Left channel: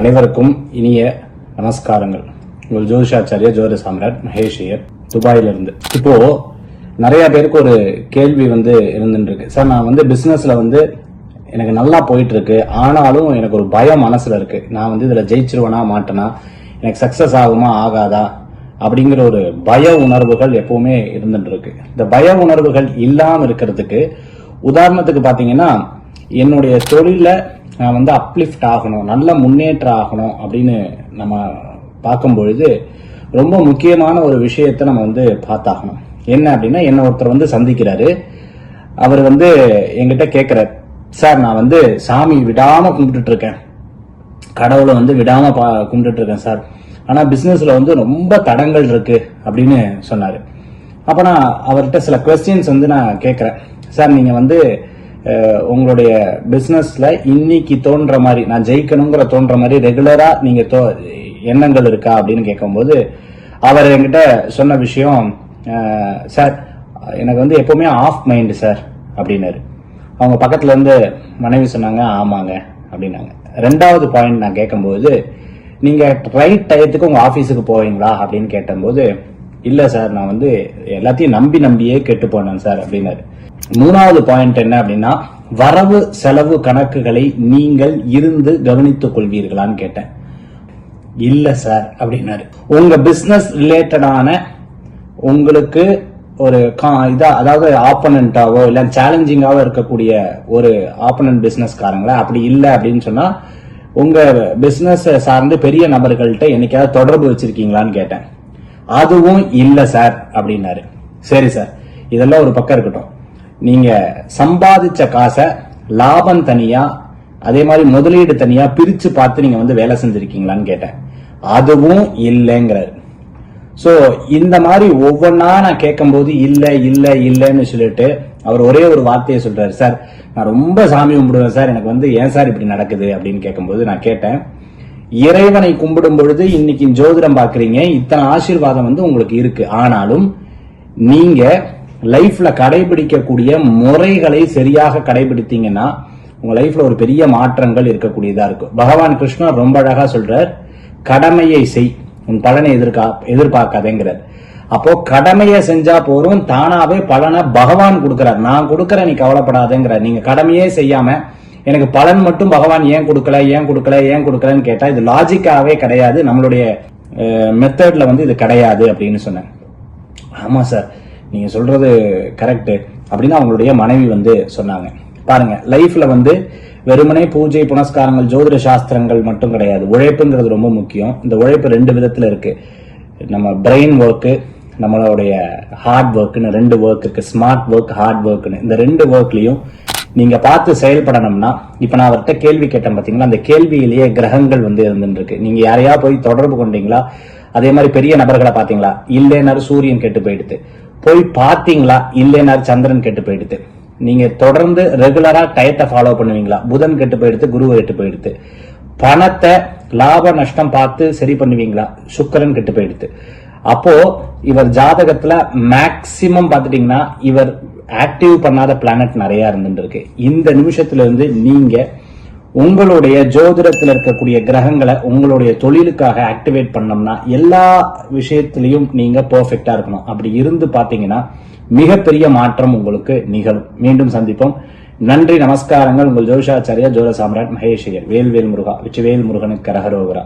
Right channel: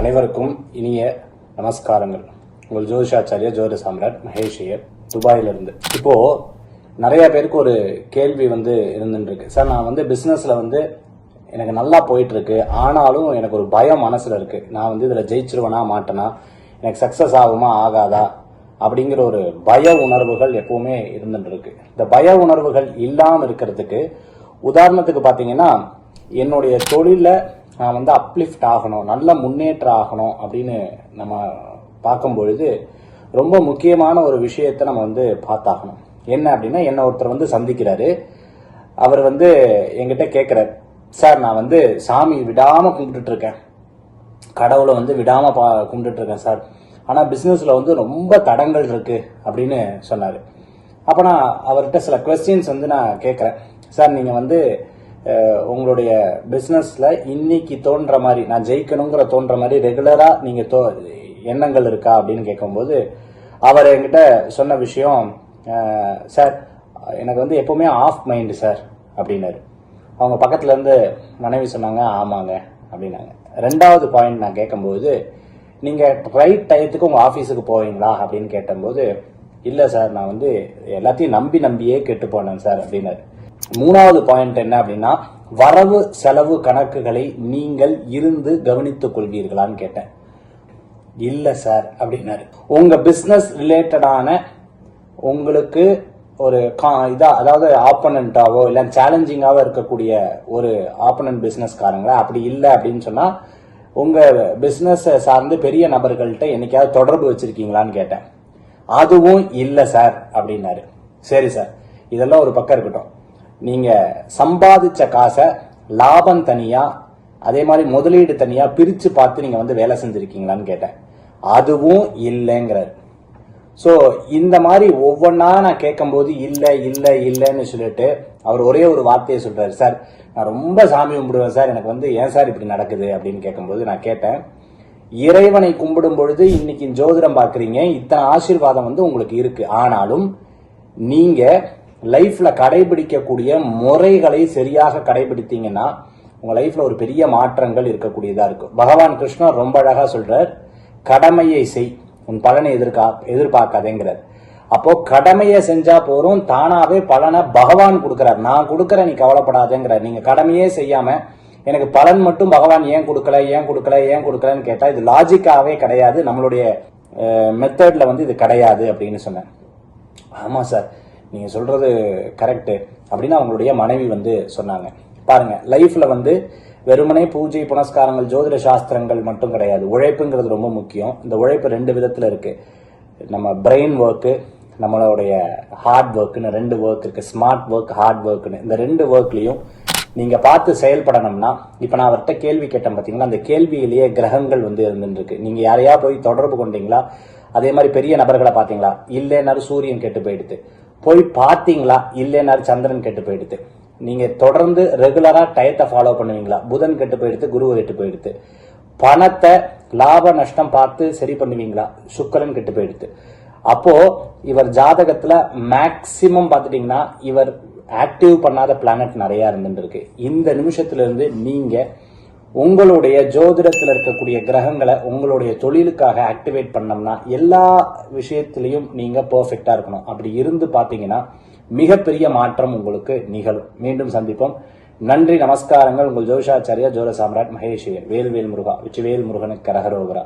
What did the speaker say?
அனைவருக்கும் இனிய நமஸ்காரங்கள். உங்கள் ஜோதிஷாச்சாரிய ஜோதி சாம்ராட் மகேஷ் ஐயர் துபாயிலிருந்து. இப்போ நிறைய பேருக்கு ஒரு கேள்வி வந்து இருந்துட்டு இருக்கு சார் நான் வந்து பிசினஸ்ல வந்து எனக்கு நல்லா போயிட்டு இருக்கு ஆனாலும் எனக்கு ஒரு பயம் மனசுல இருக்கு. நான் வந்து இதுல ஜெயிச்சிருவேனா மாட்டேனா? எனக்கு சக்சஸ் ஆகுமா ஆகாதா? அப்படிங்கிற ஒரு பய உணர்வுகள் எப்பவுமே இருந்துட்டு இருக்கு இந்த பய உணர்வுகள் இல்லாம இருக்கிறதுக்கு உதாரணத்துக்கு பாத்தீங்கன்னா என்னுடைய தொழிலில் நான் வந்து அப்லிஃப்ட் ஆகணும் நல்ல முன்னேற்றம் ஆகணும் அப்படின்னு நம்ம பார்க்கும் பொழுது ரொம்ப முக்கியமான ஒரு விஷயத்தை நம்ம வந்து பார்த்தாகணும். என்ன அப்படின்னா என்ன ஒருத்தர் வந்து சந்திக்கிறாரு. அவர் வந்து என்கிட்ட கேட்குறார் சார் நான் வந்து சாமி விடாமல் கும்பிட்டுட்டு இருக்கேன் கடவுளை வந்து விடாமல் பா கும்பிட்டுட்டு இருக்கேன் சார். ஆனால் பிஸ்னஸில் வந்து ரொம்ப தடங்கள் இருக்கு அப்படின்னு சொன்னார். அப்போ நான் அவர்கிட்ட சில கொஸ்டின்ஸ் வந்து நான் கேட்குறேன். சார் நீங்கள் வந்து உங்களுடைய பிஸ்னஸில் இன்னைக்கு தோன்ற மாதிரி நான் ஜெயிக்கணுங்கிற தோன்ற மாதிரி ரெகுலரா நீங்க தோ- எண்ணங்கள் இருக்கா அப்படின்னு கேட்கும்போது அவர் என்கிட்ட சொன்ன விஷயம் சார் எனக்கு வந்து எப்பவுமே ஆஃப் மைண்டு சார் அப்படின்னாரு. அவங்க பக்கத்துல இருந்து மனைவி சொன்னாங்க ஆமாங்க அப்படின்னாங்க. ரெண்டாவது பாயிண்ட் நான் கேட்கும்போது நீங்க ரைட் டயத்துக்கு உங்க ஆபீஸுக்கு போவீங்களா? அப்படின்னு கேட்டபோது இல்ல சார் நான் வந்து எல்லாத்தையும் நம்பி நம்பியே கெட்டு போனேன் சார் அப்படின்னாரு. மூணாவது பாயிண்ட் என்ன அப்படின்னா வரவு செலவு கணக்குகளை நீங்கள் இருந்து கவனித்துக் கொள்வீர்களான்னு கேட்டேன். இல்ல சார் அப்படின்னாரு. உங்க பிசினஸ் ரிலேட்டடான உங்களுக்கு ஒரு கா- இதா அதாவது ஆப்பனண்டாவோ இல்ல சேலஞ்சிங்காவோ இருக்கக்கூடிய ஒரு ஆப்பனன்ட் பிஸ்னஸ்காரங்களா அப்படி இல்லை அப்படின்னு சொன்னா உங்க பிசினஸ் சார்ந்து பெரிய நபர்கள்ட்ட என்னைக்காவது தொடர்பு வச்சிருக்கீங்களான்னு கேட்டேன். அதுவும் இல்ல சார் அப்படின்னாரு. சரி சார் இதெல்லாம் ஒரு பக்கம் இருக்கட்டும். நீங்கள் சம்பாதிச்ச காசை லாபம் தனியாக அதே மாதிரி முதலீடு தனியாக பிரித்து பார்த்து நீங்கள் வந்து வேலை செஞ்சுருக்கீங்களான்னு கேட்டேன். அதுவும் இல்லைங்கிறார். ஸோ இந்த மாதிரி ஒவ்வொன்றா நான் கேட்கும்போது இல்லை இல்லை இல்லைன்னு சொல்லிட்டு அவர் ஒரே ஒரு வார்த்தையை சொல்கிறார் சார் நான் ரொம்ப சாமி கும்பிடுவேன் சார். எனக்கு வந்து ஏன் சார் இப்படி நடக்குது? அப்படின்னு கேட்கும்போது நான் கேட்டேன். இறைவனை கும்பிடும் பொழுது இன்னைக்கு ஜோதிடம் பார்க்குறீங்க. இத்தனை ஆசீர்வாதம் வந்து உங்களுக்கு இருக்கு. ஆனாலும் நீங்கள் லைஃப்ல கடைபிடிக்கக்கூடிய முறைகளை சரியாக கடைபிடித்தீங்கன்னா உங்க லைஃப்ல ஒரு பெரிய மாற்றங்கள் இருக்கக்கூடியதா இருக்கும். பகவான் கிருஷ்ணர் ரொம்ப அழகா சொல்றார் கடமையை செய். உன் பலனை எதிர்கா எதிர்பார்க்காதேங்கிறார். அப்போ கடமையை செஞ்சா போறோம் தானாவே பலனை பகவான் கொடுக்கிறார். நான் கொடுக்கறேன் நீ கவலைப்படாதேங்கிறார். நீங்க கடமையே செய்யாம எனக்கு பலன் மட்டும் பகவான் ஏன் கொடுக்கல ஏன் கொடுக்கல ஏன் கொடுக்கலன்னு கேட்டா இது லாஜிக்காவே கிடையாது. நம்மளுடைய மெத்தட்ல வந்து இது கிடையாது அப்படின்னு சொன்னேன் ஆமா சார். நீங்க சொல்றது கரெக்ட் அப்படின்னு அவங்களுடைய மனைவி வந்து சொன்னாங்க. பாருங்க லைஃப்ல வந்து வெறுமனே பூஜை புனஸ்காரங்கள் ஜோதிட சாஸ்திரங்கள் மட்டும் கிடையாது. உழைப்புங்கிறது ரொம்ப முக்கியம். இந்த உழைப்பு ரெண்டு விதத்துல இருக்கு. நம்ம பிரெயின் ஒர்க்கு நம்மளுடைய ஹார்ட் ஒர்க்குன்னு ரெண்டு ஒர்க் இருக்கு. ஸ்மார்ட் ஒர்க் ஹார்ட் ஒர்க்குன்னு இந்த ரெண்டு ஒர்க்லயும் நீங்க பார்த்து செயல்படணும்னா இப்ப நான் அவர்கிட்ட கேள்வி கேட்டேன் பாத்தீங்களா? அந்த கேள்வியிலேயே கிரகங்கள் வந்து இருந்துருக்கு. நீங்க யாரையா போய் தொடர்பு கொண்டீங்களா? அதே மாதிரி பெரிய நபர்களை பாத்தீங்களா? இல்லைனாரு சூரியன் கெட்டு போயிடுது. போய் பார்த்தீங்களா? இல்லைனாரு சந்திரன் கெட்டு போயிடுது. நீங்க தொடர்ந்து ரெகுலரா டயத்தை ஃபாலோ பண்ணுவீங்களா? புதன் கெட்டு போயிடுது குரு கெட்டு போயிடுது. பணத்தை லாப நஷ்டம் பார்த்து சரி பண்ணுவீங்களா? சுக்கரன் கெட்டு போயிடுது. அப்போ இவர் ஜாதகத்துல மேக்சிமம் பார்த்துட்டீங்கன்னா இவர் ஆக்டிவ் பண்ணாத பிளானட் நிறைய இருந்துட்டு இருக்கு. இந்த நிமிஷத்துல இருந்து நீங்க உங்களுடைய ஜோதிடத்தில் இருக்கக்கூடிய கிரகங்களை உங்களுடைய தொழிலுக்காக ஆக்டிவேட் பண்ணோம்னா எல்லா விஷயத்திலையும் நீங்க பெர்ஃபெக்டா இருக்கணும். அப்படி இருந்து பாத்தீங்கன்னா மிகப்பெரிய மாற்றம் உங்களுக்கு நிகழும். மீண்டும் சந்திப்போம். நன்றி நமஸ்காரங்கள். உங்கள் ஜோஷாச்சாரியா ஜோர சாம்ராட் மகேஷ் ஐயர். வேல்வேல் முருகா வெற்றிவேல் முருகனுக்கு கரகரோகரா.